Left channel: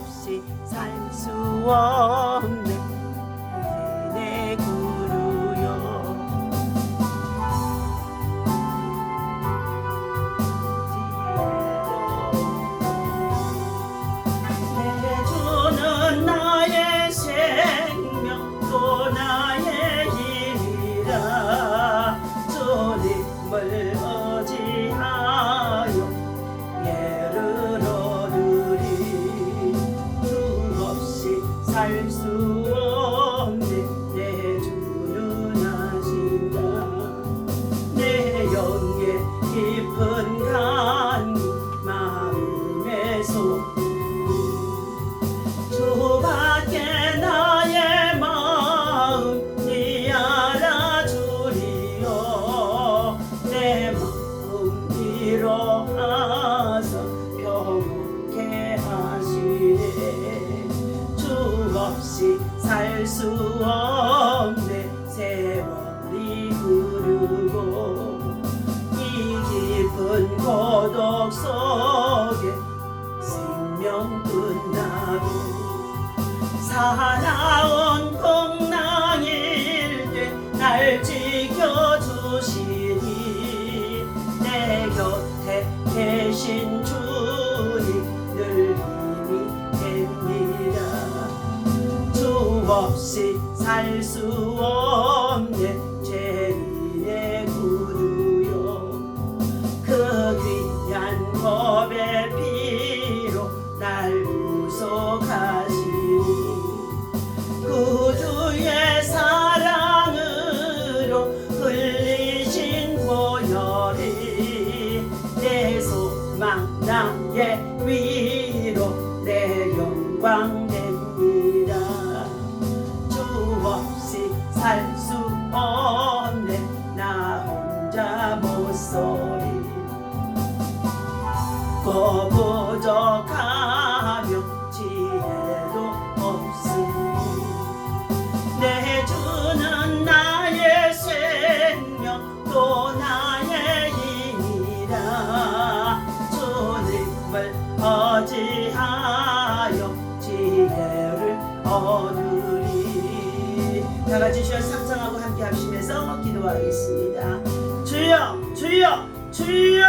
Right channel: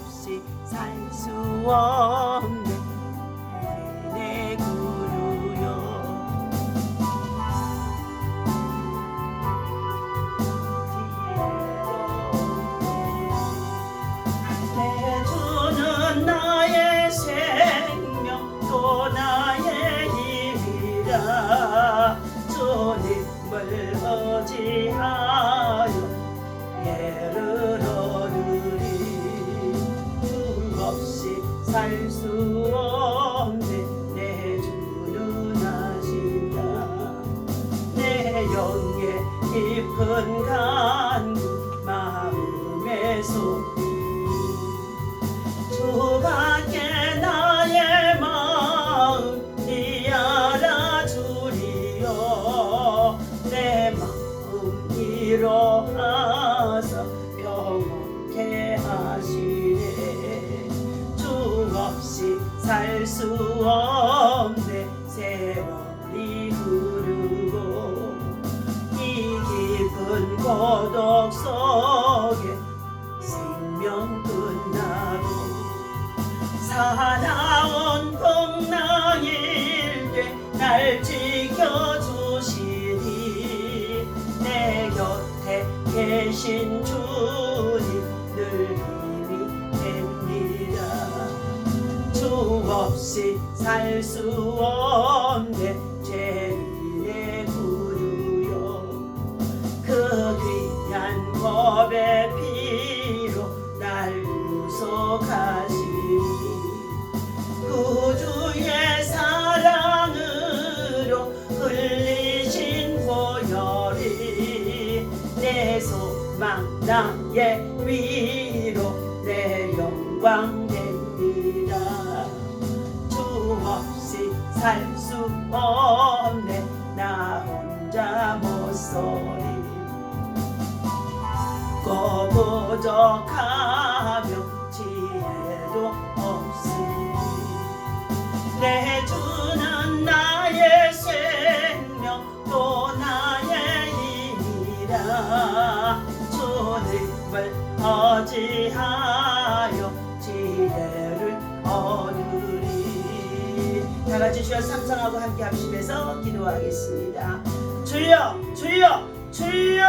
없이 살 수 없네 내 구주여. 내 주는 나의 생명 또 나의 힘이라. 주님을 의지하여 예를 얻으리. 주 없이 살 수 없네 내 주는 하신다. 내 영의 깊은 간구 마음의 소리. 주밖에 나의 마음 니 알아주리요. 내 마음 위로하사 평온케 하시네. 주 없이 살 수 없네 세월이 흐르고 이 깊은 고독 속에 생명 끝나도 살아온 풍랑일 때 날 지켜주시니 내 곁에 계신 주님 늘 힘이 됩니다. 주 없이 살 수 없네 죄인의 구주여. 그 귀한 법의 피로 날 구속하시니 구주의 사랑으로 흘리신 보혈이 내 소망 나의 위로 내 영광 됩니다. 주 없이 살 수 없네 나 혼자 못소리. 고 부족하며 지혜도 없으니 내 주는 나의 생명 또 나의 힘이라. 주님을 의지하여 지혜를 얻으리. 다같이 주여 상상하고 함께 합심해서 기도하겠습니다. 주여 주여 주여.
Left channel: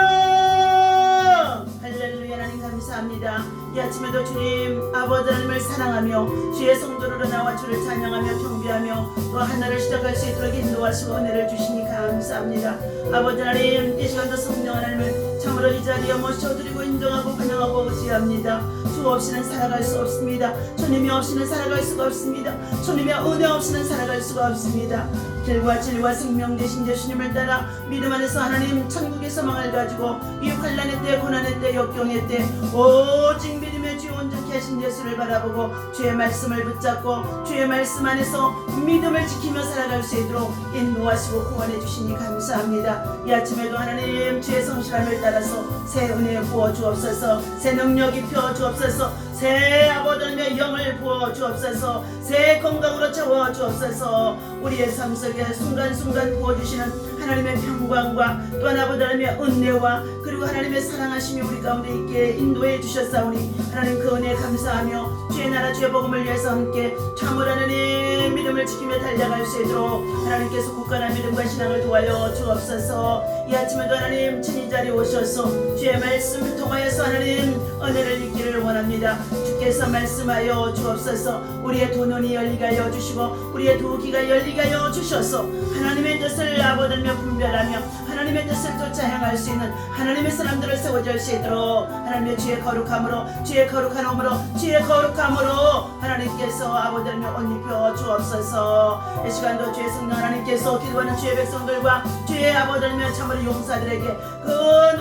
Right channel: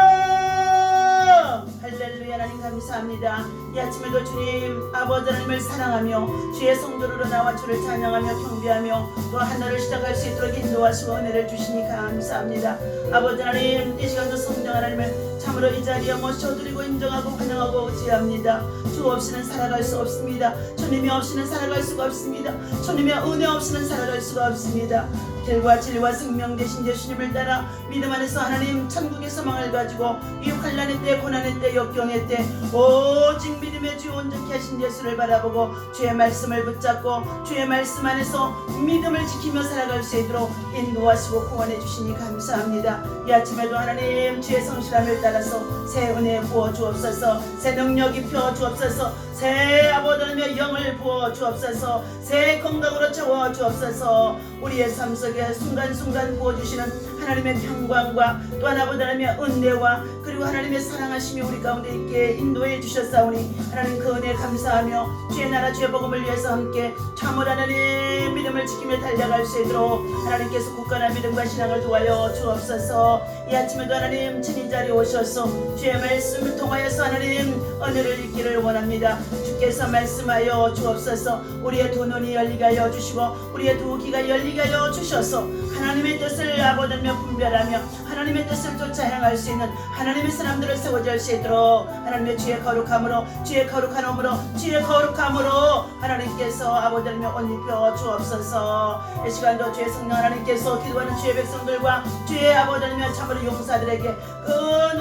할렐루야. 하나님 감사합니다. 이 아침에도 주님 아버지 하나님을 사랑하며 주의 성도로 나와 주를 찬양하며 경배하며 또 하나를 시작할 수 있도록 인도하시고 은혜를 주시니 감사합니다. 아버지 하나님 이 시간도 성령 하나님을 참으로 이 자리에 모셔드리고 인정하고 환영하고 의지합니다. 주 없이는 살아갈 수 없습니다. 주님이 없이는 살아갈 수가 없습니다. 주님의 은혜 없이는 살아갈 수가 없습니다. 길과 진리와 생명 되신 예수님을 따라 믿음 안에서 하나님 천국의 소망을 가지고 이 환난의 때 고난의 때 역경의 때 오직 믿음의 주 온전케 하신 예수를 바라보고 주의 말씀을 붙잡고 주의 말씀 안에서 믿음을 지키며 살아갈 수 있도록 인도하시고 구원해 주시니 감사합니다. 이 아침에도 하나님 주의 성실함을 따라서 새 은혜 부어 주옵소서. 새 능력 입혀 주옵소서. 새 아버지 하나님의 영을 부어 주옵소서. 새 건강으로 채워 주옵소서. 우리의 삶 속에 순간순간 부어주시는 하나님의 평강과 또한 아버지 하나님의 은혜와 그리고 하나님의 사랑하심이 우리 가운데 있게 인도해 주셨사오니 하나님 그 은혜 감사하며 주의 나라 주의 복음을 위해서 함께 참으로 하나님 믿음을 지키며 달려갈 수 있도록 하나님께서 굳건한 믿음과 신앙을 도와여 주옵소서. 이 아침에도 하나님 친히 자리에 오셔서 주의 말씀을 통하여서 하나님 은혜를 입기를 원합니다. 주께서 말씀하여 주옵소서. 우리의 두 눈이 열리게 하여 주시고 우리의 두 귀가 열리게 하여 주셔서 하나님의 뜻을 아버지며 분별하며 하나님의 뜻을 쫓아 향할 수 있는 하나님의 사람들을 세워줄 수 있도록 하나님의 주의 거룩함으로 주의 거룩한 몸으로 주의 거룩함으로 하나님께서 아버지며 옷 입혀 주옵소서. 이 시간도 주의 성령 하나님께서 기도하는 주의 백성들과 주의 아버지며 참으로 용사들에게 그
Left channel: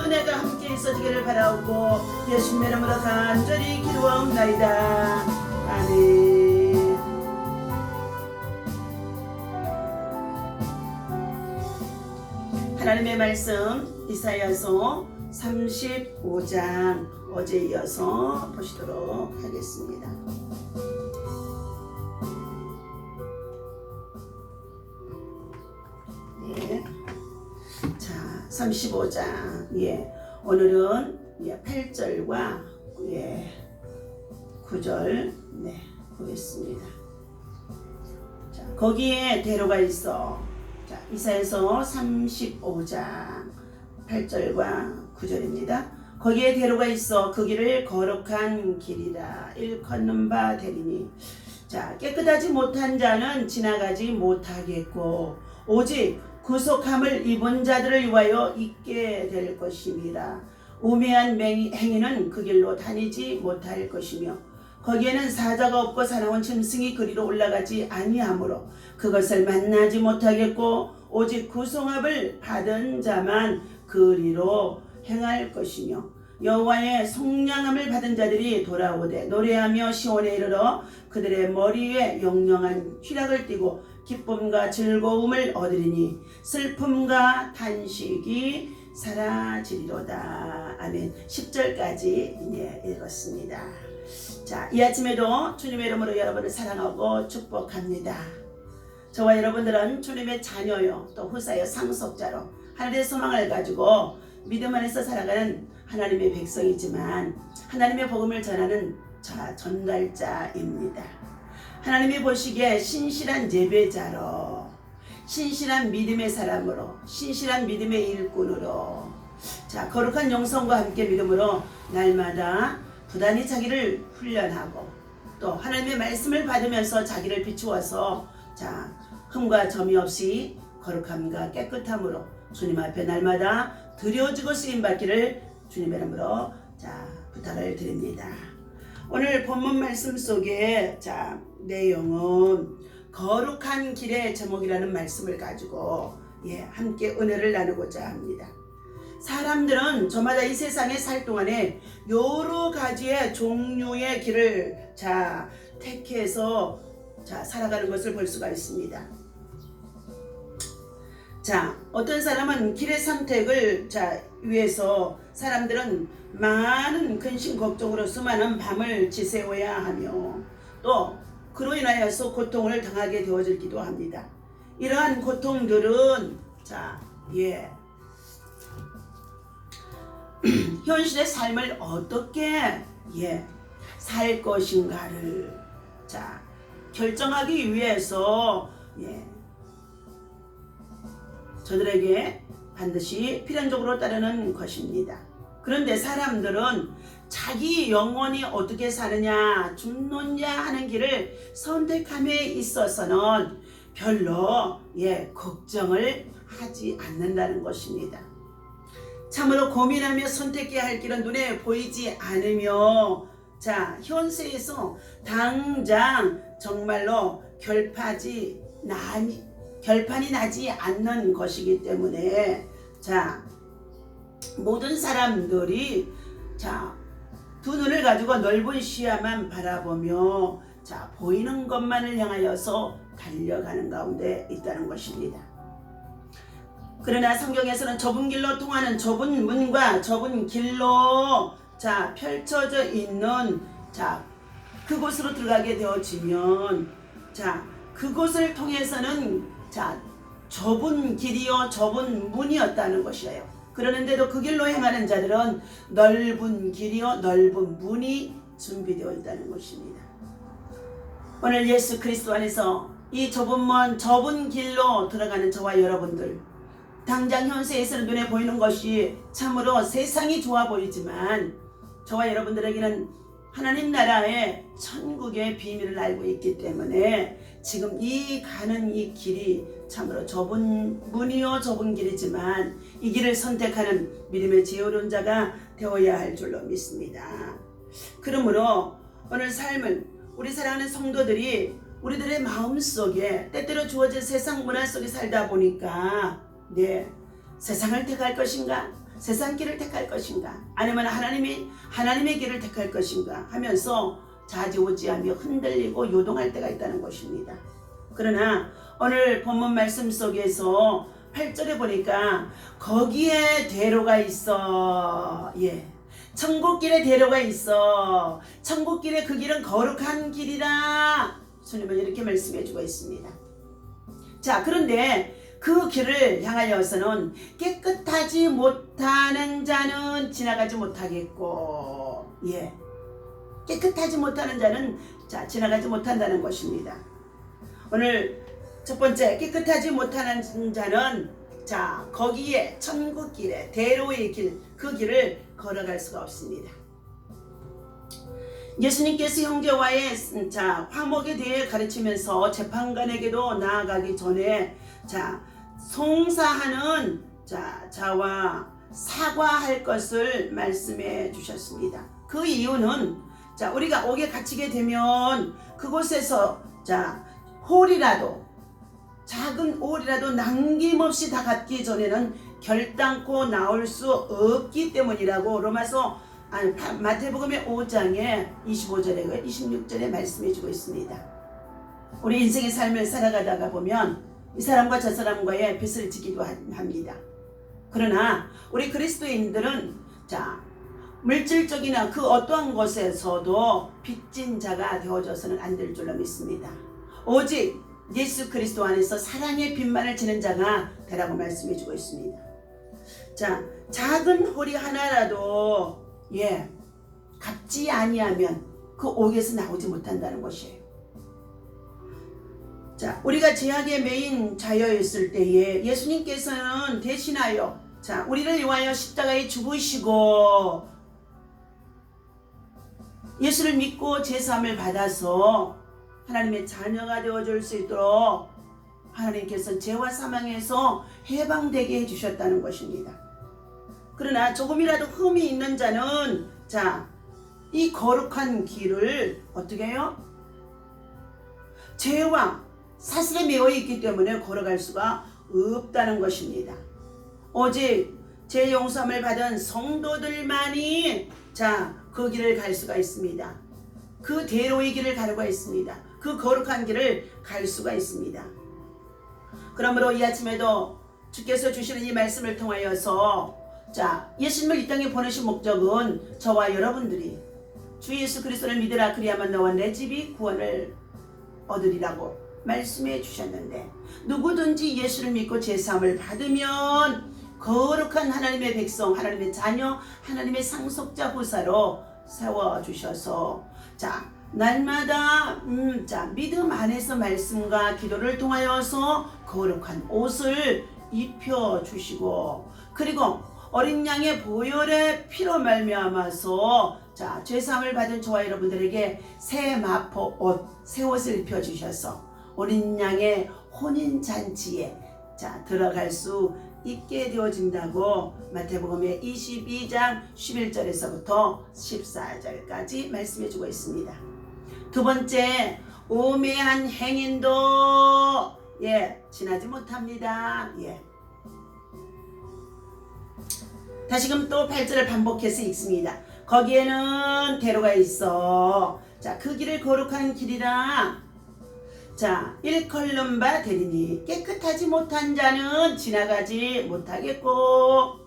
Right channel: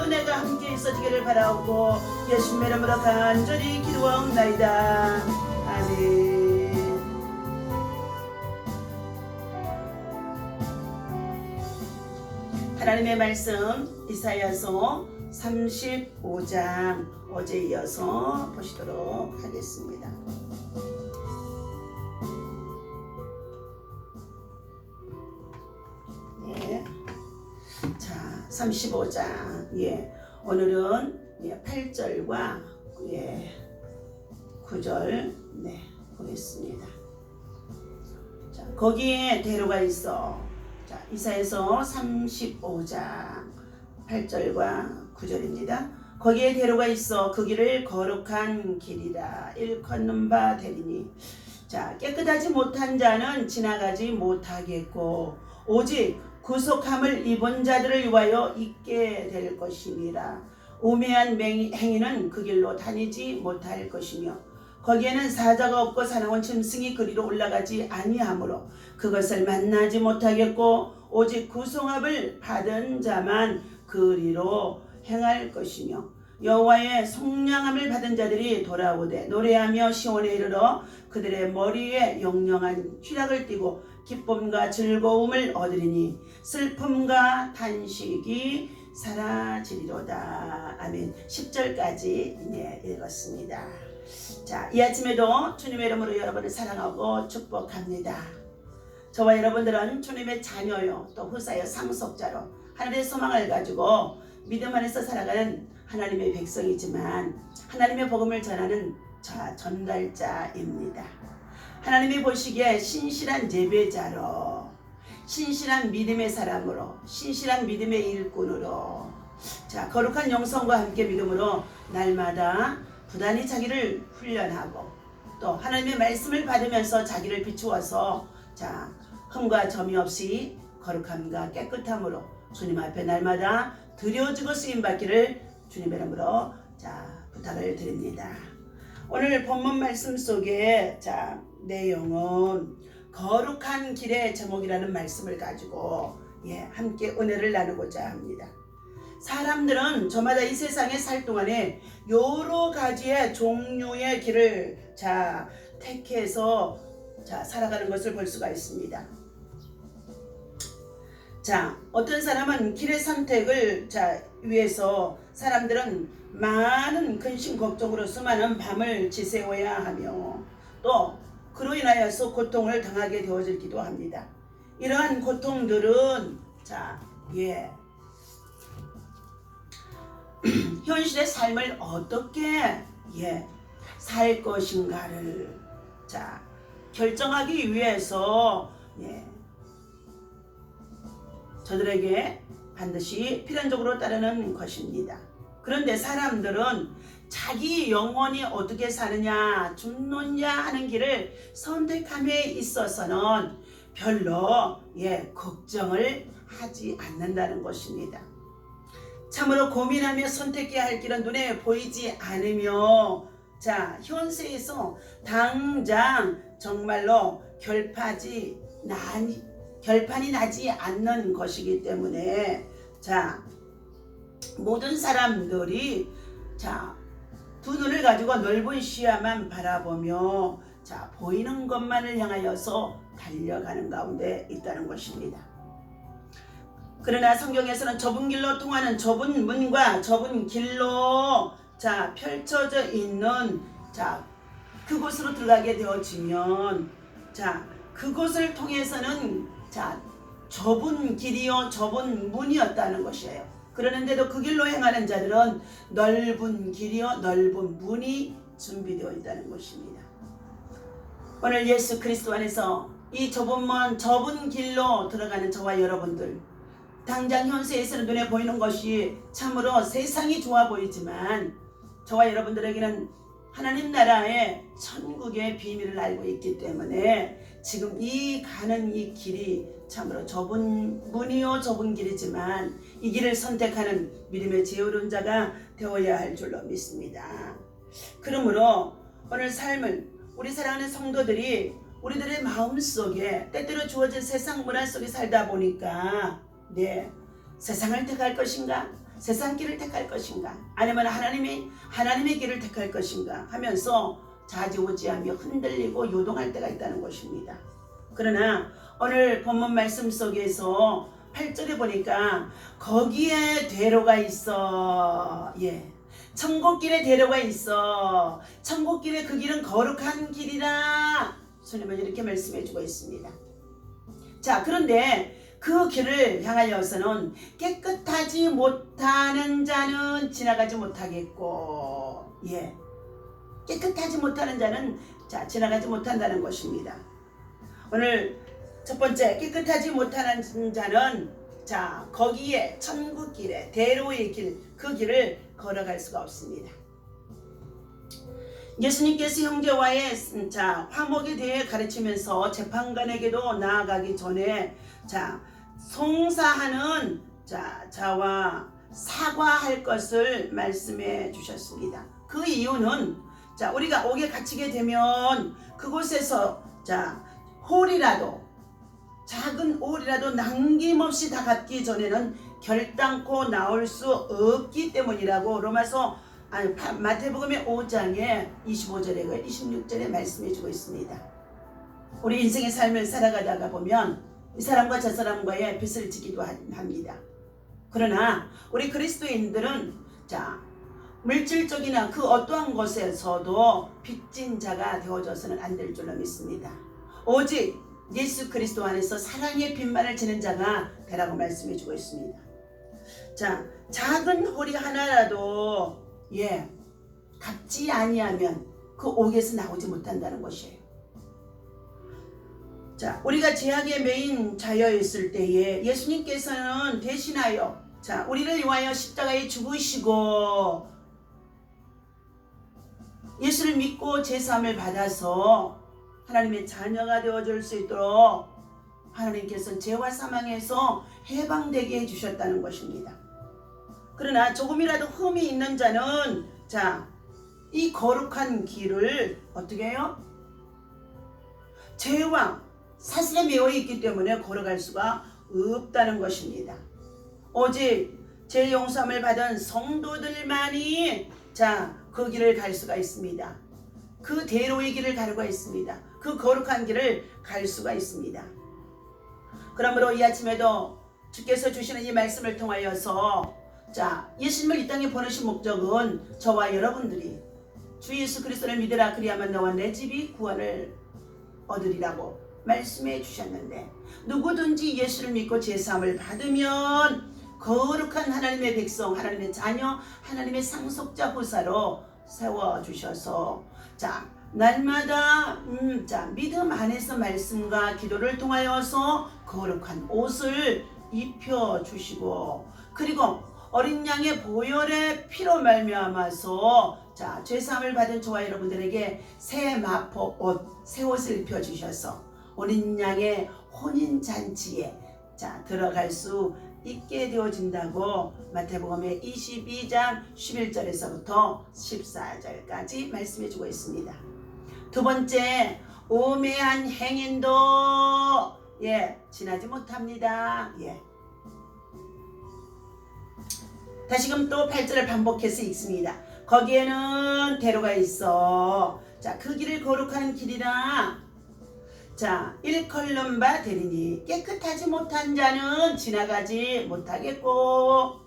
은혜가 함께 있어지기를 바라오고 예수님의 이름으로 간절히 기도하옵나이다. 아멘. 하나님의 말씀 이사야서 35장 어제 이어서 보시도록 하겠습니다. 예. 자, 35장. 예. 오늘은 8절과 9절 보겠습니다. 자, 거기에 대로가 있어. 자, 이사야서 35장 8절과 9절입니다. 거기에 대로가 있어 그 길을 거룩한 길이라 일컫는 바 되리니. 자, 깨끗하지 못한 자는 지나가지 못하겠고 오직 구속함을 입은 자들을 위하여 있게 될 것임이라. 우매한 행위는 그 길로 다니지 못할 것이며 거기에는 사자가 없고 사나운 짐승이 그리로 올라가지 아니하므로 그것을 만나지 못하겠고 오직 구속함을 받은 자만 그리로 행할 것이며 여호와의 속량함을 받은 자들이 돌아오되 노래하며 시온에 이르러 그들의 머리 위에 영영한 희락을 띠고 기쁨과 즐거움을 얻으리니 슬픔과 탄식이 사라지리로다. 아멘. 10절까지 읽었습니다. 자, 이 아침에도 주님의 이름으로 여러분을 사랑하고 축복합니다. 저와 여러분들은 주님의 자녀요 또 후사여 상속자로 하늘의 소망을 가지고 믿음 안에서 살아가는 하나님의 백성이지만 하나님의 복음을 전하는 전달자입니다. 하나님이 보시기에 신실한 예배자로, 신실한 믿음의 사람으로, 신실한 믿음의 일꾼으로, 자, 거룩한 영성과 함께 믿음으로 날마다 부단히 자기를 훈련하고 또 하나님의 말씀을 받으면서 자기를 비추어서 자, 흠과 점이 없이 거룩함과 깨끗함으로 주님 앞에 날마다 드려지고 쓰임받기를 주님의 이름으로 자, 부탁을 드립니다. 오늘 본문 말씀 속에 자, 내용은 거룩한 길의 제목이라는 말씀을 가지고 함께 은혜를 나누고자 합니다. 사람들은 저마다 이 세상에 살 동안에 여러 가지의 종류의 길을 자, 택해서 자, 살아가는 것을 볼 수가 있습니다. 자, 어떤 사람은 길의 선택을 자, 위해서 사람들은 많은 근심 걱정으로 수많은 밤을 지새워야 하며 또 그로 인하여서 고통을 당하게 되어지기도 합니다. 이러한 고통들은 자, 현실의 삶을 어떻게 살 것인가를 자, 결정하기 위해서 저들에게 반드시 필연적으로 따르는 것입니다. 그런데 사람들은 자기 영혼이 어떻게 사느냐, 죽느냐 하는 길을 선택함에 있어서는 별로 걱정을 하지 않는다는 것입니다. 참으로 고민하며 선택해야 할 길은 눈에 보이지 않으며 자, 현세에서 당장 정말로 결판이 나지 않는 것이기 때문에 자, 모든 사람들이 자, 두 눈을 가지고 넓은 시야만 바라보며 자, 보이는 것만을 향하여서 달려가는 가운데 있다는 것입니다. 그러나 성경에서는 좁은 길로 통하는 좁은 문과 좁은 길로 자, 펼쳐져 있는 자, 그곳으로 들어가게 되어지면 자, 그곳을 통해서는 자, 좁은 길이요 좁은 문이었다는 것이에요. 그러는데도 그 길로 행하는 자들은 넓은 길이요 넓은 문이 준비되어 있다는 것입니다. 오늘 예수 그리스도 안에서 이 좁은 길로 들어가는 저와 여러분들, 당장 현세에서는 눈에 보이는 것이 참으로 세상이 좋아 보이지만 저와 여러분들에게는 하나님 나라의 천국의 비밀을 알고 있기 때문에 지금 가는 이 길이 참으로 좁은 문이요 좁은 길이지만 이 길을 선택하는 믿음의 지혜로운 자가 되어야 할 줄로 믿습니다. 그러므로 오늘 삶은 우리 사랑하는 성도들이 우리들의 마음속에 때때로 주어진 세상 문화 속에 살다 보니까 세상을 택할 것인가, 세상 길을 택할 것인가, 아니면 하나님의 길을 택할 것인가 하면서 좌지우지하며 흔들리고 요동할 때가 있다는 것입니다. 그러나 오늘 본문 말씀 속에서 8절에 보니까 거기에 대로가 있어. 천국길에 대로가 있어. 천국길에 그 길은 거룩한 길이라. 주님은 이렇게 말씀해 주고 있습니다. 자, 그런데 그 길을 향하여서는 깨끗하지 못하는 자는 지나가지 못하겠고 깨끗하지 못하는 자는 지나가지 못한다는 것입니다. 오늘 첫 번째, 깨끗하지 못하는 자는 거기에 천국 길에 대로의 길, 그 길을 걸어갈 수가 없습니다. 예수님께서 형제와의 화목에 대해 가르치면서 재판관에게도 나아가기 전에 송사하는 자와 사과할 것을 말씀해 주셨습니다. 그 이유는 우리가 옥에 갇히게 되면 그곳에서 홀이라도, 작은 홀이라도 남김없이 다 갚기 전에는 결단코 나올 수 없기 때문이라고 마태복음의 5장에 25절에 26절에 말씀해 주고 있습니다. 우리 인생의 삶을 살아가다가 보면 이 사람과 저 사람과의 빚을 지기도 합니다. 그러나 우리 그리스도인들은 물질적이나 그 어떠한 것에서도 빚진 자가 되어져서는 안 될 줄로 믿습니다. 오직 예수 그리스도 안에서 사랑의 빚만을 지는 자가 되라고 말씀해 주고 있습니다. 작은 홀이 하나라도 갚지 아니하면 그 옥에서 나오지 못한다는 것이에요. 우리가 죄악에 매인 자여있을 때에 예수님께서는 대신하여 우리를 위하여 십자가에 죽으시고 예수를 믿고 제사함을 받아서 하나님의 자녀가 되어줄 수 있도록 하나님께서 죄와 사망에서 해방되게 해주셨다는 것입니다. 그러나 조금이라도 흠이 있는 자는 이 거룩한 길을 어떻게 해요? 죄와 사슬에 매여 있기 때문에 걸어갈 수가 없다는 것입니다. 오직 죄 용서함을 받은 성도들만이 그 길을 갈 수가 있습니다. 그 대로의 길을 가려고 있습니다. 그 거룩한 길을 갈 수가 있습니다. 그러므로 이 아침에도 주께서 주시는 이 말씀을 통하여서 예수님을 이 땅에 보내신 목적은 저와 여러분들이 주 예수 그리스도를 믿으라 그리하면 너와 내 집이 구원을 얻으리라고 말씀해 주셨는데, 누구든지 예수를 믿고 제사함을 받으면 거룩한 하나님의 백성, 하나님의 자녀, 하나님의 상속자 후사로 세워주셔서 날마다 믿음 안에서 말씀과 기도를 통하여서 거룩한 옷을 입혀주시고, 그리고 어린 양의 보혈의 피로 말미암아서 죄사함을 받은 저와 여러분들에게 새 마포 옷, 새 옷을 입혀주셔서 어린 양의 혼인잔치에 들어갈 수 있게 되어진다고 마태복음의 22장 11절에서부터 14절까지 말씀해주고 있습니다. 두 번째, 우매한 행인도 지나지 못합니다. 다시금 또 8절을 반복해서 읽습니다. 거기에는 대로가 있어. 그 길을 거룩한 길이라. 일컬는 바 되리니 깨끗하지 못한 자는 지나가지 못하겠고,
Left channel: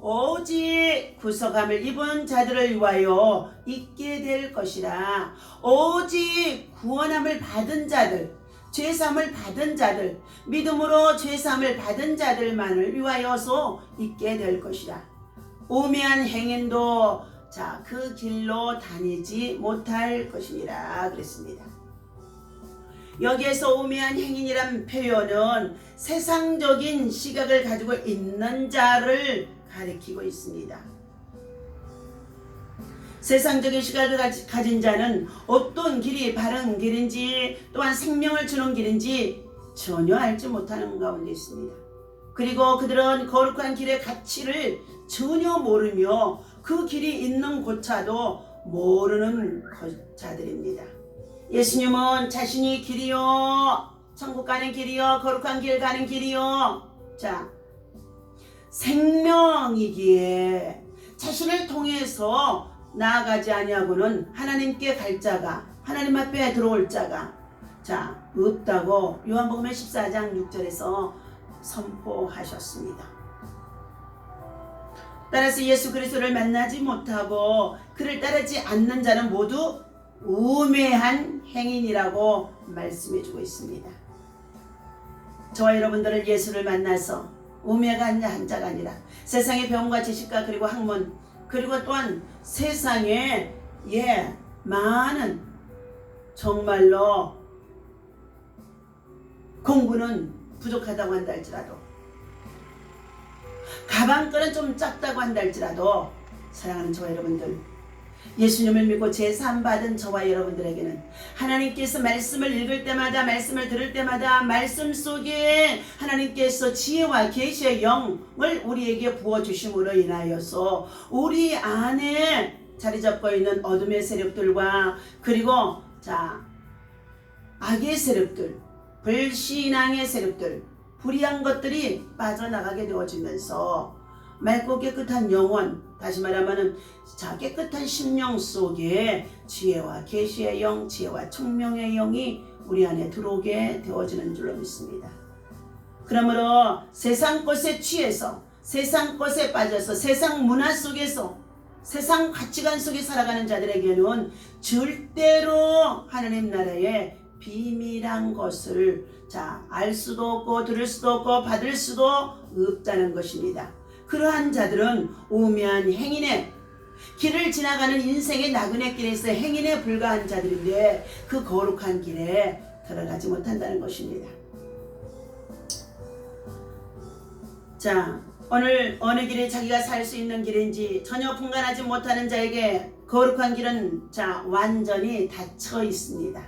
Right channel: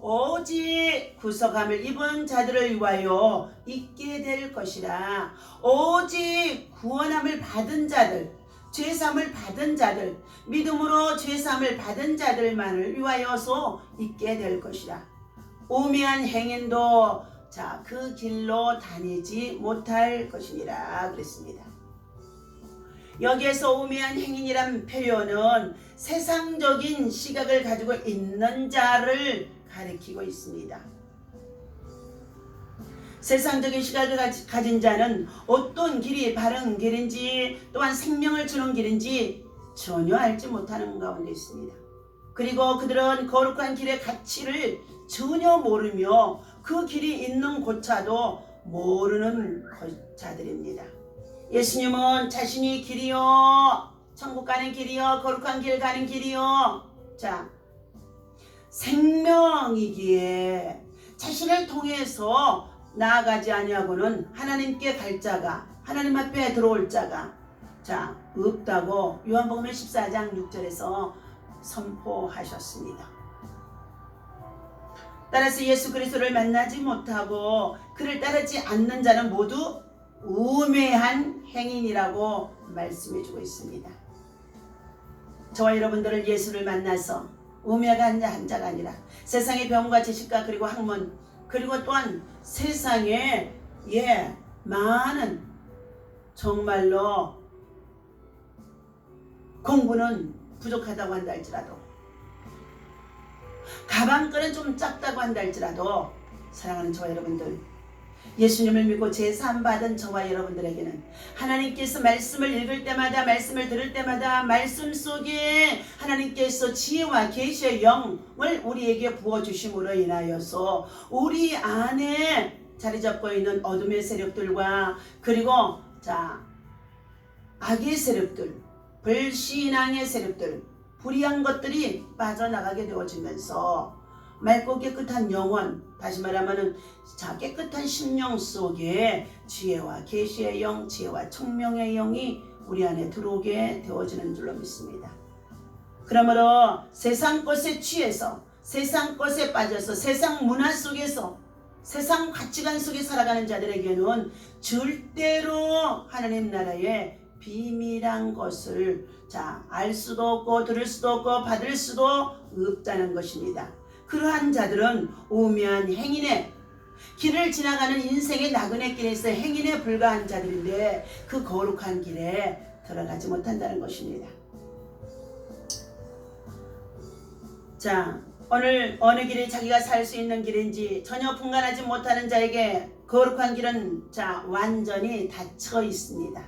오직 구속함을 입은 자들을 위하여 있게 될 것이라. 오직 구원함을 받은 자들, 죄사함을 받은 자들, 믿음으로 죄사함을 받은 자들만을 위하여서 있게 될 것이라. 우매한 행인도 그 길로 다니지 못할 것이니라 그랬습니다. 여기에서 우매한 행인이란 표현은 세상적인 시각을 가지고 있는 자를 가리키고 있습니다. 세상적인 시각을 가진 자는 어떤 길이 바른 길인지, 또한 생명을 주는 길인지 전혀 알지 못하는 가운데 있습니다. 그리고 그들은 거룩한 길의 가치를 전혀 모르며 그 길이 있는 곳차도 모르는 자들입니다. 예수님은 자신이 길이요, 천국 가는 길이요, 거룩한 길 가는 길이요, 생명이기에 자신을 통해서 나아가지 아니하고는 하나님께 갈 자가, 하나님 앞에 들어올 자가 없다고 요한복음 14장 6절에서 선포하셨습니다. 따라서 예수 그리스도를 만나지 못하고 그를 따르지 않는 자는 모두 우매한 행인이라고 말씀해주고 있습니다. 저와 여러분들을 예수를 만나서 우매가 한 자가 아니라 세상의 병과 지식과 그리고 학문, 그리고 또한 세상의 많은 정말로 공부는 부족하다고 한다 할지라도, 가방끈은 좀 작다고 한다 할지라도, 사랑하는 저와 여러분들, 예수님을 믿고 제사함 받은 저와 여러분들에게는 하나님께서 말씀을 읽을 때마다, 말씀을 들을 때마다 말씀 속에 하나님께서 지혜와 계시의 영을 우리에게 부어주심으로 인하여서 우리 안에 자리 잡고 있는 어둠의 세력들과, 그리고 악의 세력들, 불신앙의 세력들, 불의한 것들이 빠져나가게 되어지면서 맑고 깨끗한 영혼, 다시 말하면 깨끗한 심령 속에 지혜와 계시의 영, 지혜와 총명의 영이 우리 안에 들어오게 되어지는 줄로 믿습니다. 그러므로 세상 것에 취해서, 세상 것에 빠져서, 세상 문화 속에서, 세상 가치관 속에 살아가는 자들에게는 절대로 하나님 나라의 비밀한 것을 알 수도 없고, 들을 수도 없고, 받을 수도 없다는 것입니다. 그러한 자들은 오묘한 행인의 길을 지나가는 인생의 나그네 길에서 행인에 불과한 자들인데 그 거룩한 길에 들어가지 못한다는 것입니다. 오늘 어느 길이 자기가 살 수 있는 길인지 전혀 분간하지 못하는 자에게 거룩한 길은 완전히 닫혀 있습니다.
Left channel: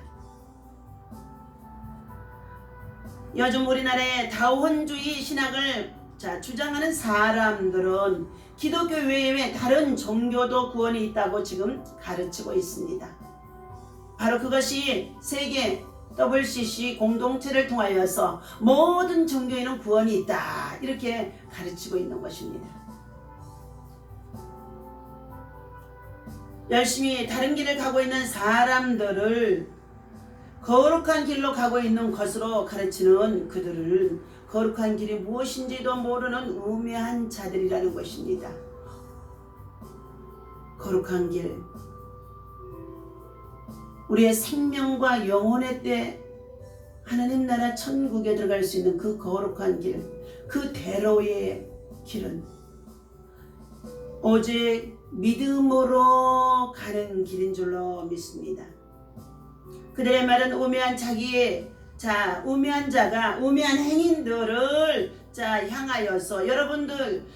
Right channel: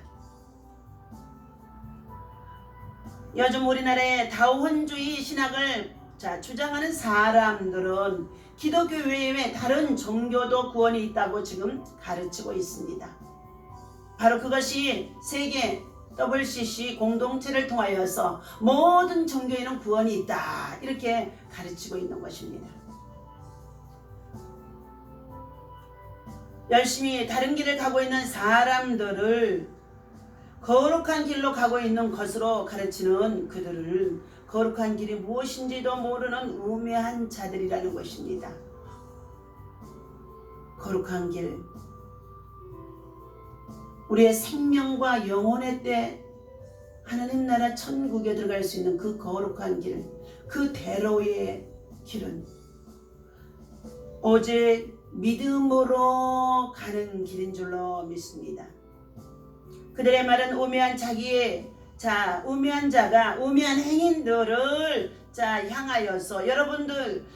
요즘 우리나라의 다원주의 신학을 주장하는 사람들은 기독교 외에 다른 종교도 구원이 있다고 지금 가르치고 있습니다. 바로 그것이 세계 WCC 공동체를 통하여서 모든 종교에는 구원이 있다, 이렇게 가르치고 있는 것입니다. 열심히 다른 길을 가고 있는 사람들을 거룩한 길로 가고 있는 것으로 가르치는 그들을 거룩한 길이 무엇인지도 모르는 우매한 자들이라는 것입니다. 거룩한 길, 우리의 생명과 영혼의 때 하나님 나라 천국에 들어갈 수 있는 그 거룩한 길, 그 대로의 길은 오직 믿음으로 가는 길인 줄로 믿습니다. 그들의 말은 우매한 우매한 자가 우매한 행인들을 향하여서 여러분들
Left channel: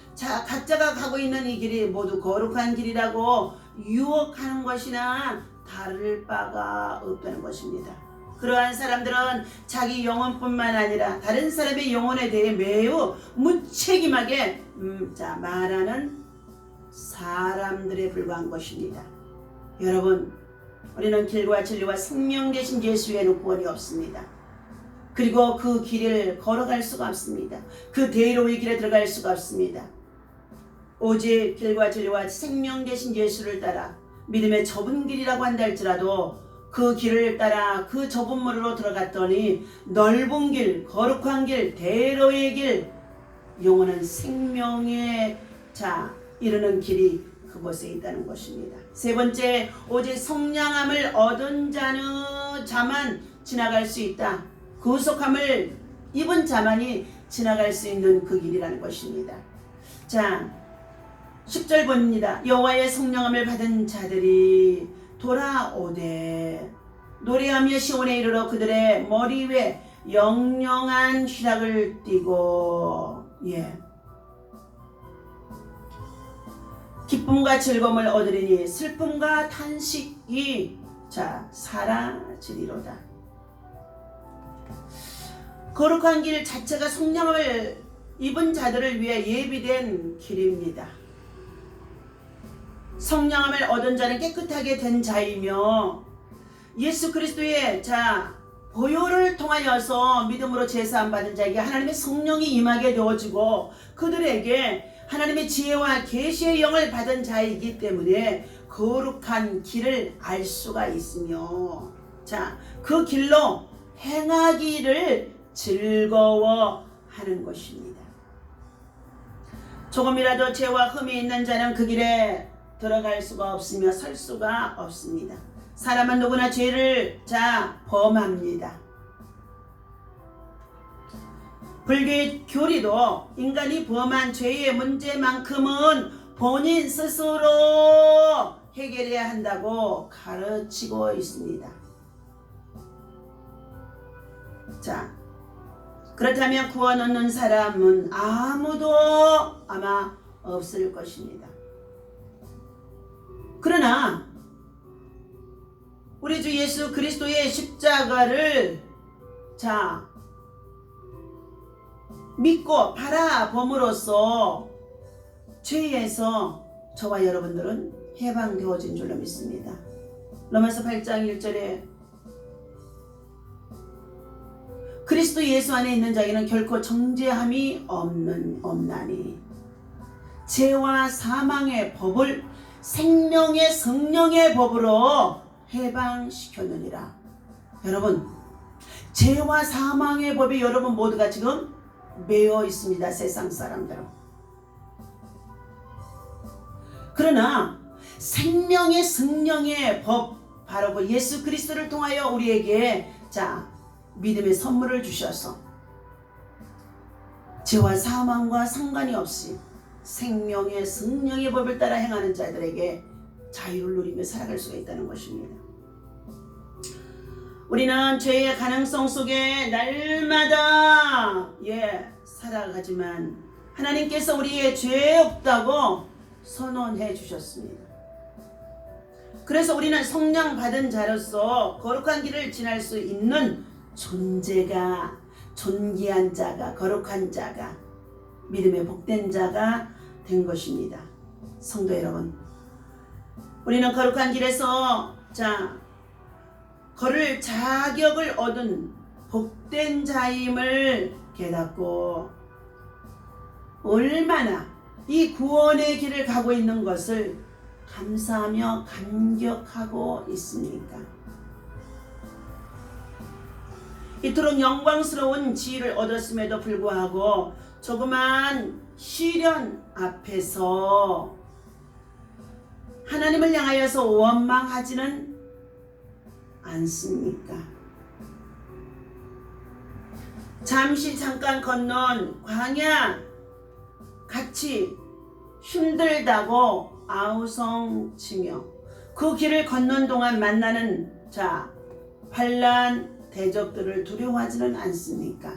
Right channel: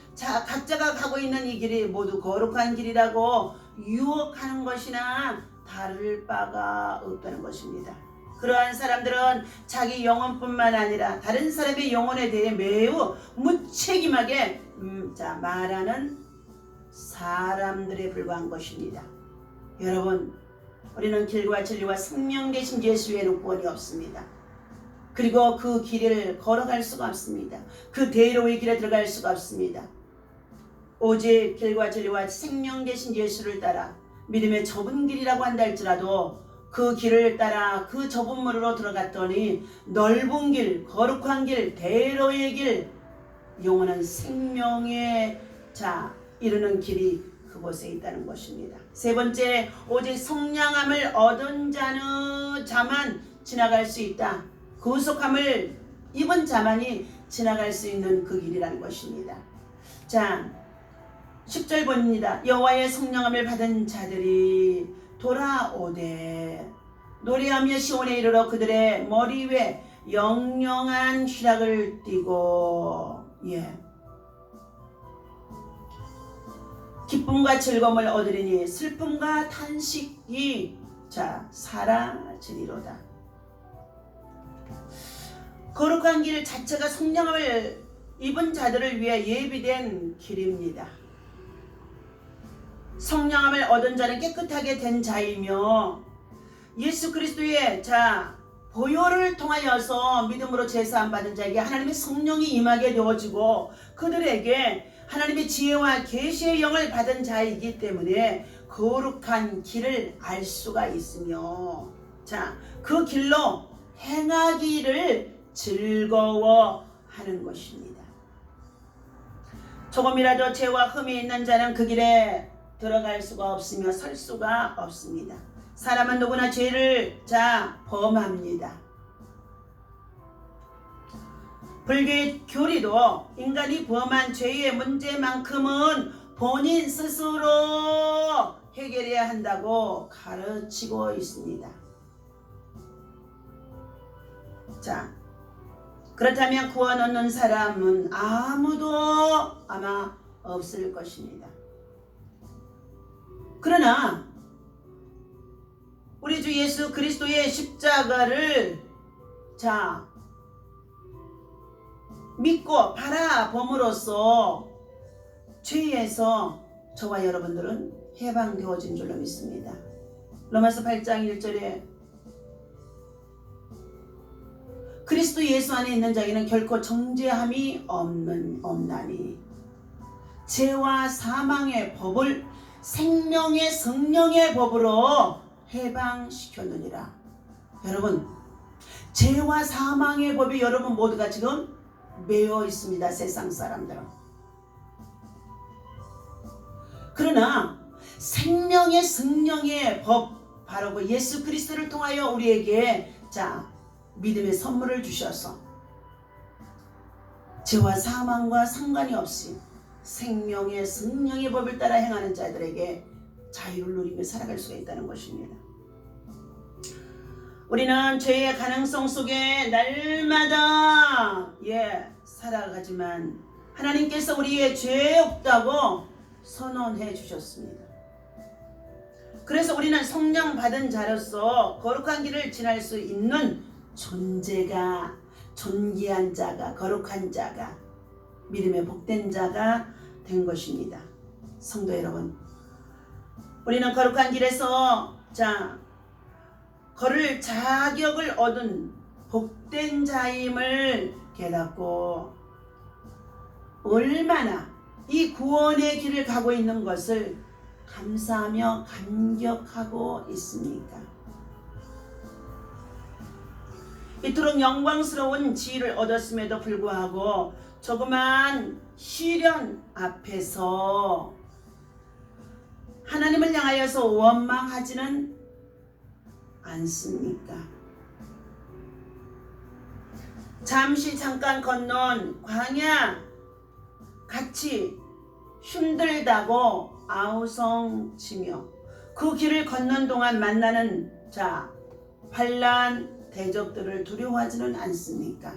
각자가 가고 있는 이 길이 모두 거룩한 길이라고 유혹하는 것이나 다를 바가 없다는 것입니다. 그러한 사람들은 자기 영혼뿐만 아니라 다른 사람의 영혼에 대해 매우 무책임하게 말하는 사람들에 불과한 것입니다. 여러분, 우리는 길과 진리와 생명 되신 예수 외에는 구원이 없습니다. 그리고 그 길을 걸어갈 수가 없습니다. 그 대로의 길에 들어갈 수가 없습니다. 오직 길과 진리와 생명 되신 예수를 따라 믿음의 좁은 길이라고 한다 할지라도 그 길을 따라 그 좁은 문으로 들어갔더니 넓은 길, 거룩한 길, 대로의 길, 영원한 생명에 이르는 길이 그곳에 있다는 것입니다. 세 번째, 오직 성량함을 얻은 자만 지나갈 수 있다. 구속함을 입은 자만이 지나갈 수 있는 그 길이라는 것입니다. 10절 본입니다. 여호와의 성령함을 받은 자들이 돌아오되 노래하며 시온에 이르러 그들의 머리 위에 영영한 휘락을 띠고 기쁨과 즐거움을 얻으리니 슬픔과 탄식이 사라지리로다. 거룩한 길 자체가 성령을 입은 자들을 위해 예비된 길입니다. 성령함을 얻은 자는 깨끗하게 된 자이며 예수 그리스도의 보혈을 통하여서 믿음으로 제사함 받은 자에게 하나님의 성령이 임하게 되어지고 그들에게 하나님의 지혜와 계시의 영을 받은 자이기 때문에 거룩한 길을 알 수가 있으며 그 길로 행하기를 즐거워하는 것입니다. 조금이라도 죄와 흠이 있는 자는 그 길에 들어갈 수가 없으며 설 수가 없습니다. 사람은 누구나 죄를 범합니다. 불교의 교리도 인간이 범한 죄의 문제만큼은 본인 스스로 해결해야 한다고 가르치고 있습니다. 자, 그렇다면 구원 얻는 사람은 아무도 아마 없을 것입니다. 그러나 우리 주 예수 그리스도의 십자가를 믿고 바라봄으로써 죄에서 저와 여러분들은 해방되어진 줄로 믿습니다. 로마서 8장 1절에 그리스도 예수 안에 있는 자에게는 결코 정죄함이 없나니 죄와 사망의 법을 생명의 성령의 법으로 해방시켰느니라. 여러분, 죄와 사망의 법이 여러분 모두가 지금 매여 있습니다. 세상 사람들은. 그러나 생명의 성령의 법, 바로 그 예수 그리스도를 통하여 우리에게 믿음의 선물을 주셔서 죄와 사망과 상관이 없이 생명의 성령의 법을 따라 행하는 자들에게 자유를 누리며 살아갈 수가 있다는 것입니다. 우리는 죄의 가능성 속에 날마다 살아가지만 하나님께서 우리의 죄 없다고 선언해 주셨습니다. 그래서 우리는 성령 받은 자로서 거룩한 길을 지날 수 있는 존재가, 존귀한 자가, 거룩한 자가, 믿음의 복된 자가 된 것입니다. 성도 여러분, 우리는 거룩한 길에서 걸을 자격을 얻은 복된 자임을 깨닫고 얼마나 이 구원의 길을 가고 있는 것을 감사하며 감격하고 있습니까? 이토록 영광스러운 지위를 얻었음에도 불구하고 조그만 시련 앞에서 하나님을 향하여서 원망하지는 않습니까? 잠깐 건넌 광야 같이 힘들다고 아우성치며 그 길을 걷는 동안 만나는 환난 대적들을 두려워하지는 않습니까?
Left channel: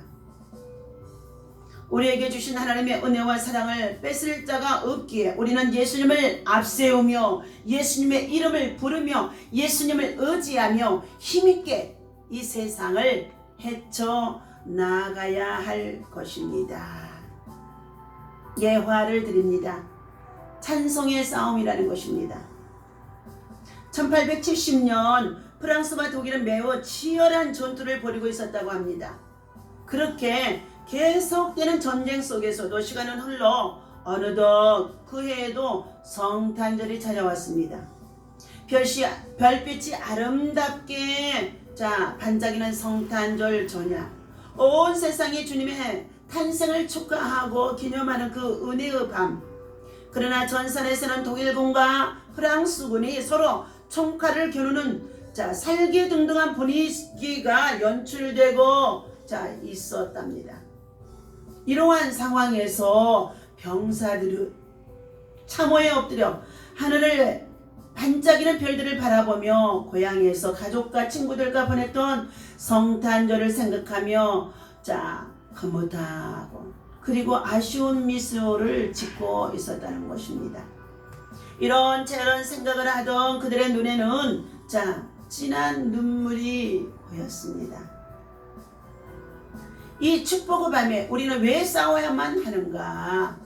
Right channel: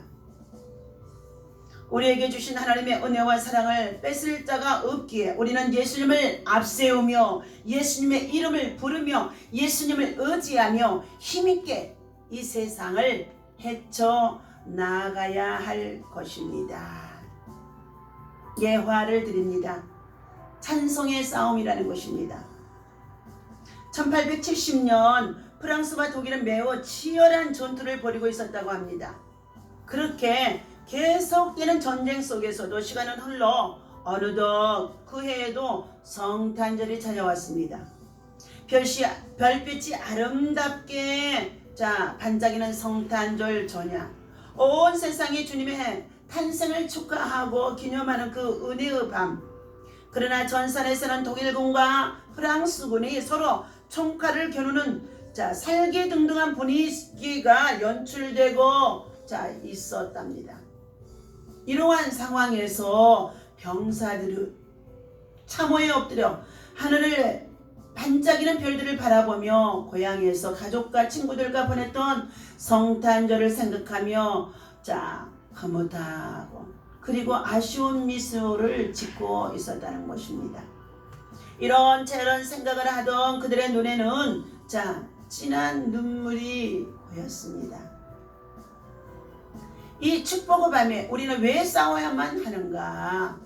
우리에게 주신 하나님의 은혜와 사랑을 뺏을 자가 없기에 우리는 예수님을 앞세우며 예수님의 이름을 부르며 예수님을 의지하며 힘있게 이 세상을 헤쳐나가야 할 것입니다. 예화를 드립니다. 찬송의 싸움이라는 것입니다. 1870년 프랑스와 독일은 매우 치열한 전투를 벌이고 있었다고 합니다. 그렇게 계속되는 전쟁 속에서도 시간은 흘러 어느덧 그 해에도 성탄절이 찾아왔습니다. 별빛이 아름답게 반짝이는 성탄절 저녁, 온 세상이 주님의 탄생을 축하하고 기념하는 그 은혜의 밤. 그러나 전선에서는 독일군과 프랑스군이 서로 총칼을 겨누는 살기등등한 분위기가 연출되고 있었답니다. 이러한 상황에서 병사들이 참호에 엎드려 하늘을 반짝이는 별들을 바라보며 고향에서 가족과 친구들과 보냈던 성탄절을 생각하며 흐뭇하고 그리고 아쉬운 미소를 짓고 있었다는 것입니다. 이런저런 생각을 하던 그들의 눈에는 진한 눈물이 보였습니다. 이 축복의 밤에 우리는 왜 싸워야만 하는가?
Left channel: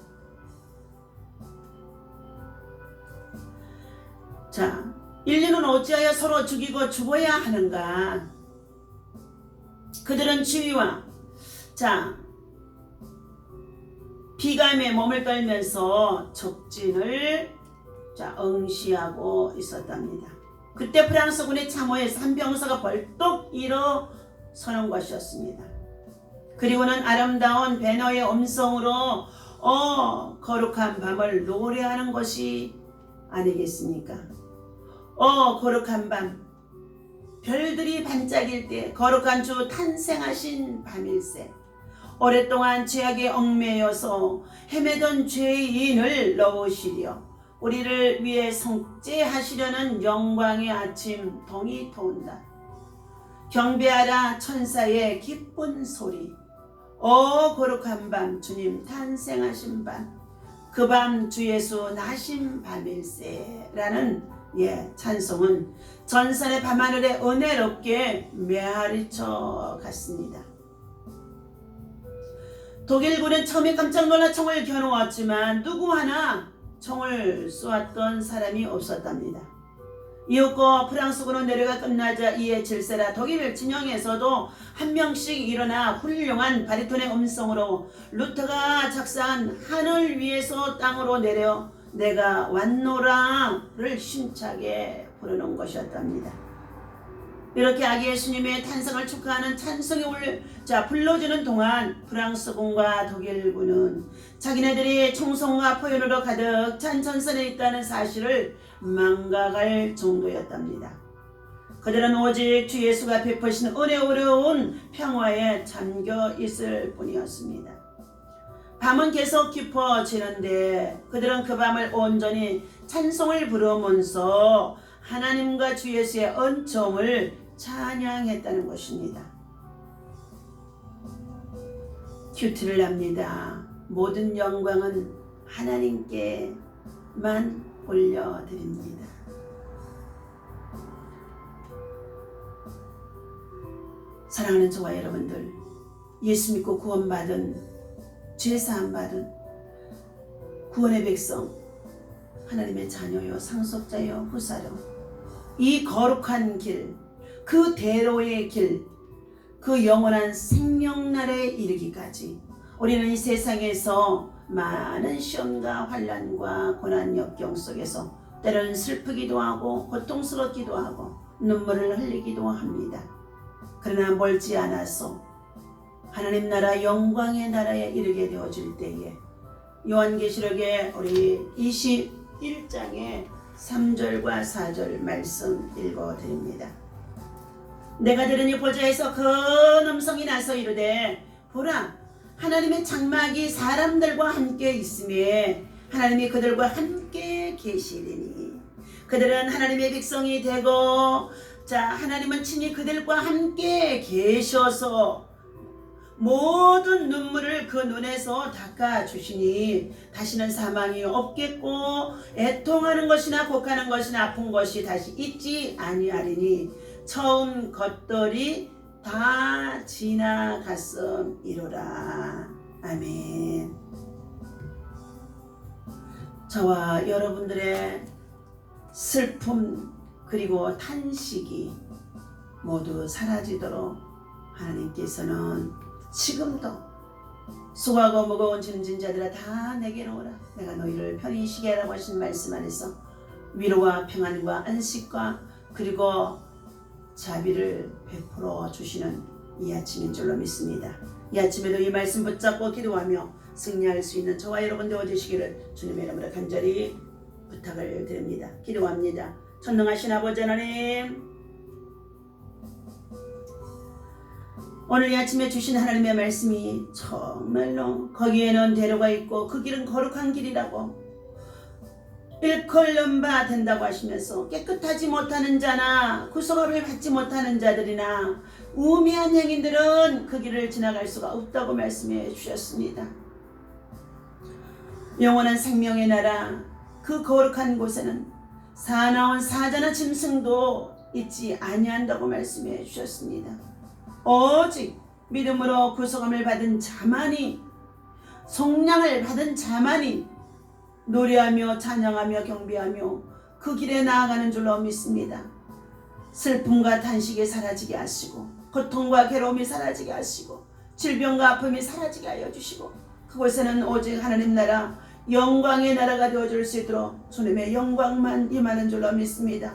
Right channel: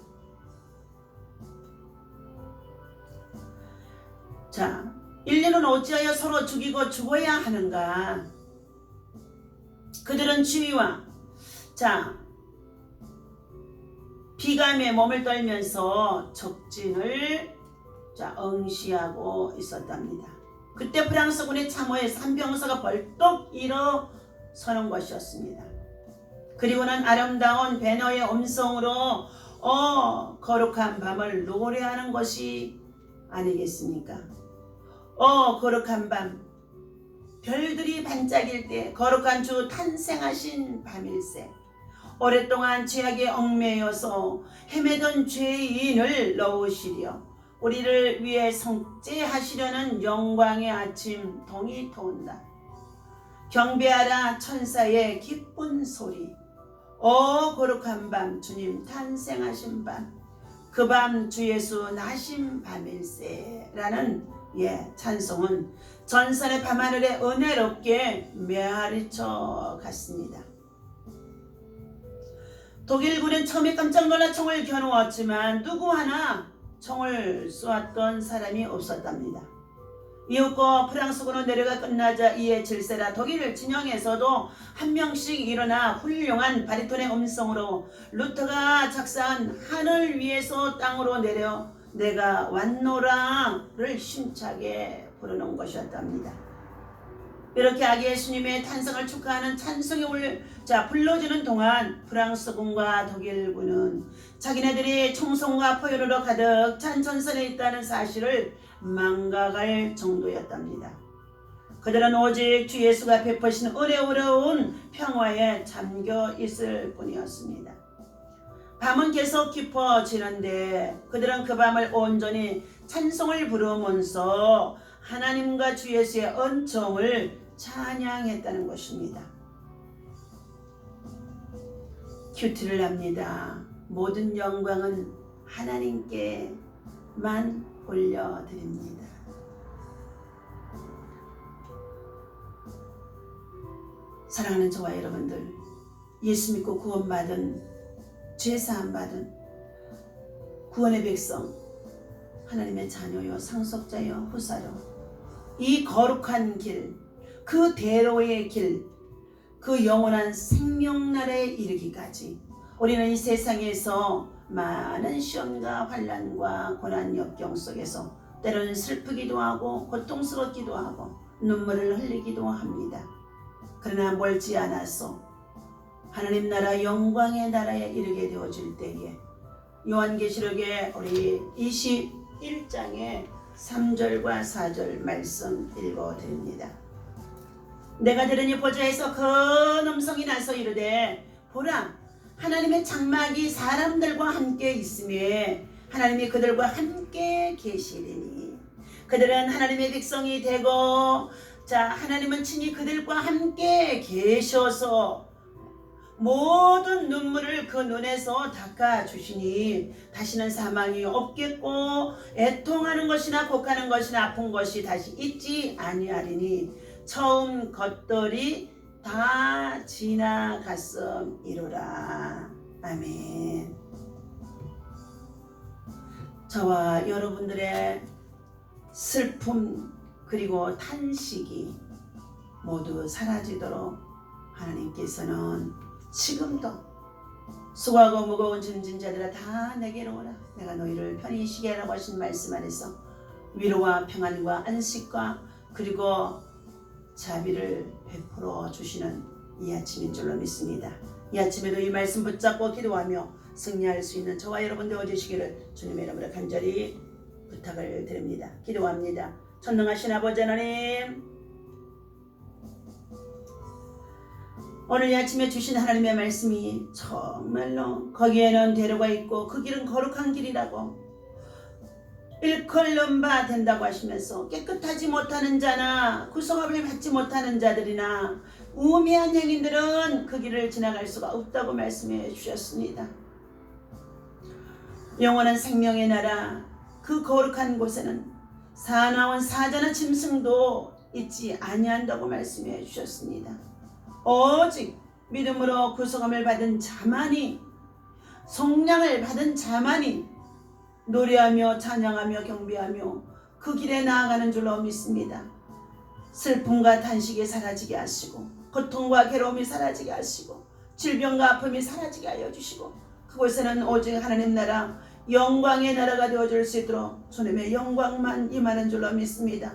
인류는 어찌하여 서로 죽이고 죽어야 하는가? 그들은 지위와 비감에 몸을 떨면서 적진을 응시하고 있었답니다. 그때 프랑스군의 참호에서 한 병사가 벌떡 일어서는 것이었습니다. 그리고는 아름다운 배너의 음성으로 거룩한 밤을 노래하는 것이 아니겠습니까? 거룩한 밤, 별들이 반짝일 때 거룩한 주 탄생하신 밤일세. 오랫동안 죄악에 얽매여서 헤매던 죄인을 넣으시려 우리를 위해 성죄하시려는 영광의 아침 동이 터온다. 경배하라 천사의 기쁜 소리. 오 거룩한 밤 주님 탄생하신 밤, 그 밤 주 예수 나신 밤일세 라는 찬송은 전설의 밤하늘에 은혜롭게 메아리쳐 갔습니다. 독일군은 처음에 깜짝 놀라 총을 겨누었지만 누구 하나 총을 쏘았던 사람이 없었답니다. 이윽고 프랑스군은 내려가 끝나자 이에 질세라 독일 진영에서도 한 명씩 일어나 훌륭한 바리톤의 음성으로 루터가 작사한 하늘 위에서 땅으로 내려 내가 왔노라를 힘차게 부르는 것이었답니다. 이렇게 아기 예수님의 탄생을 축하하는 찬송이 불러주는 동안 프랑스군과 독일군은 자기네들이 총성과 포효로 가득 찬 전선에 있다는 사실을 망각할 정도였답니다. 그들은 오직 주 예수가 베푸신 은혜로운 평화에 잠겨 있을 뿐이었습니다. 밤은 계속 깊어지는데 그들은 그 밤을 온전히 찬송을 부르면서 하나님과 주 예수의 은총을 찬양했다는 것입니다. 큐티를 합니다. 모든 영광은 하나님께만 올려드립니다. 사랑하는 저와 여러분들, 예수 믿고 구원받은, 죄사함 받은 구원의 백성, 하나님의 자녀요 상속자요 후사요, 이 거룩한 길, 그 대로의 길, 그 영원한 생명날에 이르기까지 우리는 이 세상에서 많은 시험과 환난과 고난 역경 속에서 때로는 슬프기도 하고 고통스럽기도 하고 눈물을 흘리기도 합니다. 그러나 멀지 않아서 하나님 나라 영광의 나라에 이르게 되어질 때에 요한계시록에 우리 21장의 3절과 4절 말씀 읽어드립니다. 내가 들으니 보좌에서 큰 음성이 나서 이르되 보라 하나님의 장막이 사람들과 함께 있으며 하나님이 그들과 함께 계시리니 그들은 하나님의 백성이 되고 하나님은 친히 그들과 함께 계셔서 모든 눈물을 그 눈에서 닦아주시니 다시는 사망이 없겠고 애통하는 것이나 곡하는 것이나 아픈 것이 다시 있지 아니하리니 처음 것들이 다 지나갔음이로라. 아멘. 저와 여러분들의 슬픔 그리고 탄식이 모두 사라지도록 하나님께서는 지금도 수고하고 무거운 짐진 자들아 다 내게로 오라. 내가 너희를 편히 쉬게 하라고 하신 말씀 안에서 위로와 평안과 안식과 그리고 자비를 베풀어 주시는 이 아침인 줄로 믿습니다. 이 아침에도 이 말씀 붙잡고 기도하며 승리할 수 있는 저와 여러분 되어주시기를 주님의 이름으로 간절히 부탁을 드립니다. 기도합니다. 전능하신 아버지 하나님, 오늘 이 아침에 주신 하나님의 말씀이 정말로 거기에는 대로가 있고 그 길은 거룩한 길이라고 일컬는 바 된다고 하시면서 깨끗하지 못하는 자나 구성업을 받지 못하는 자들이나 우매한 행인들은 그 길을 지나갈 수가 없다고 말씀해 주셨습니다. 영원한 생명의 나라 그 거룩한 곳에는 사나운 사자나 짐승도 있지 아니한다고 말씀해 주셨습니다. 오직 믿음으로 구속함을 받은 자만이 속량을 받은 자만이 노래하며 찬양하며 경배하며 그 길에 나아가는 줄로 믿습니다. 슬픔과 탄식이 사라지게 하시고 고통과 괴로움이 사라지게 하시고 질병과 아픔이 사라지게 하여 주시고 그곳에는 오직 하나님 나라 영광의 나라가 되어줄 수 있도록 주님의 영광만 임하는 줄로 믿습니다.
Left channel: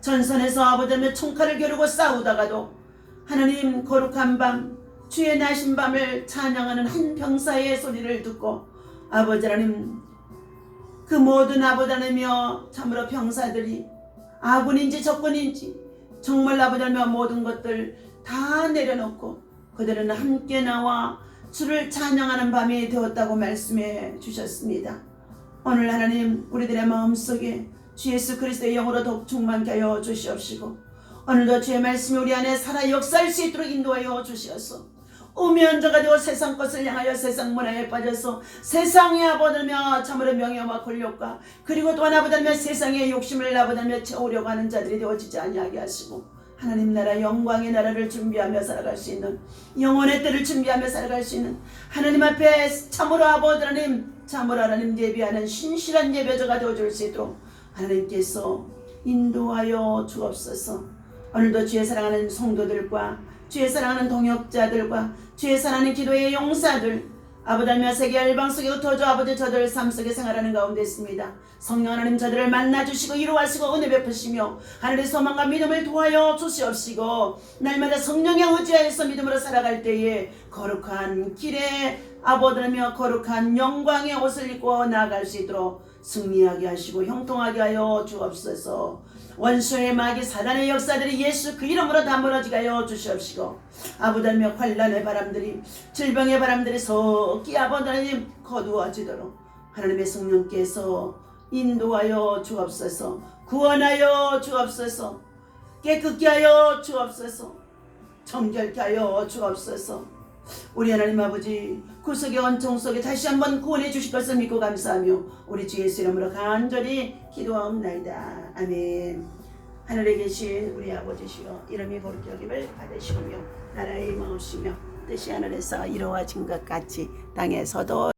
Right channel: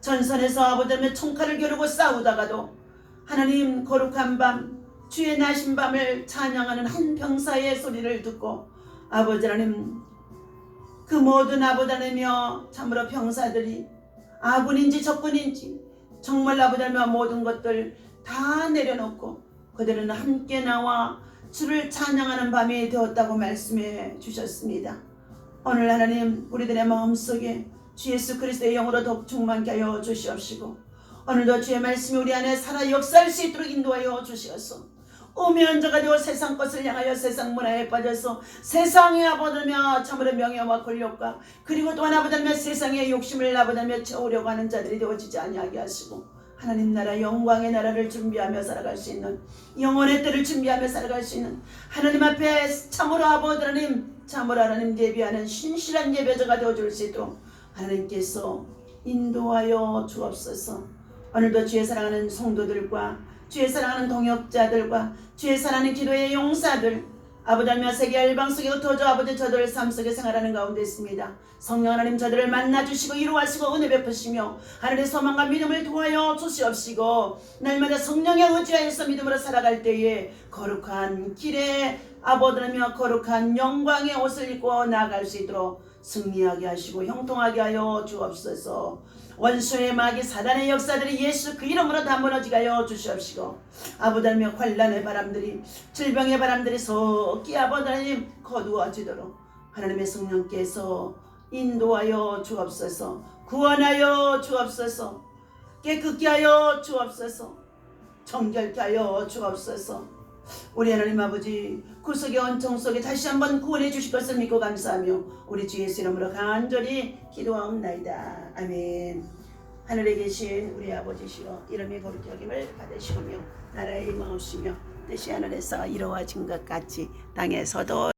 전선에서 아버지의 총칼을 겨루고 싸우다가도 하나님 거룩한 밤 주의 나신 밤을 찬양하는 한 병사의 소리를 듣고 아버지 하나님 그 모든 아버지 하나님이여 참으로 병사들이 아군인지 적군인지 정말 아버지 하나님의 모든 것들 다 내려놓고 그들은 함께 나와 주를 찬양하는 밤이 되었다고 말씀해 주셨습니다. 오늘 하나님 우리들의 마음속에 주 예수 그리스도의 영으로 더욱 충만케 하여 주시옵시고 오늘도 주의 말씀이 우리 안에 살아 역사할 수 있도록 인도하여 주시옵소서. 오면저가 되어 세상 것을 향하여 세상 문화에 빠져서 세상에 아버다며 참으로 명예와 권력과 그리고 또한 아버다며 세상의 욕심을 아버다며 채우려고 하는 자들이 되어지지 아니하게 하시고 하나님 나라 영광의 나라를 준비하며 살아갈 수 있는 영혼의 때를 준비하며 살아갈 수 있는 하나님 앞에 참으로 아버지 하나님 참으로 하나님 예배하는 신실한 예배자가 되어줄 수 있도록 하나님께서 인도하여 주옵소서. 오늘도 주의 사랑하는 성도들과 주의 사랑하는 동역자들과 주의 사랑하는 기도의 용사들 아버지며 세계 열방 속에 흩어져 아버지 저들 삶 속에 생활하는 가운데 있습니다. 성령 하나님 저들을 만나주시고 이루하시고 은혜 베푸시며 하늘의 소망과 믿음을 도하여 주시옵시고 날마다 성령의 의지하여서 믿음으로 살아갈 때에 거룩한 길에 아버지며 거룩한 영광의 옷을 입고 나아갈 수 있도록 승리하게 하시고 형통하게 하여 주옵소서. 원수의 마귀 사단의 역사들이 예수 그 이름으로 다 무너지게 하여 주시옵시고 아버지며 환난의 바람들이 질병의 바람들이 속히 아버지님 거두어지도록 하나님의 성령께서 인도하여 주옵소서. 구원하여 주옵소서. 깨끗게 하여 주옵소서. 정결케 하여 주옵소서. 우리 하나님 아버지 구속의 원총 속에 다시 한번 구원해 주실 것을 믿고 감사하며 우리 주 예수 이름으로 간절히 기도하옵나이다. 아멘. 하늘에 계신 우리 아버지시여 이름이 거룩히 여김을 받으시오며 나라의 임하옵시며 뜻이 하늘에서 이루어진 것 같이 땅에서도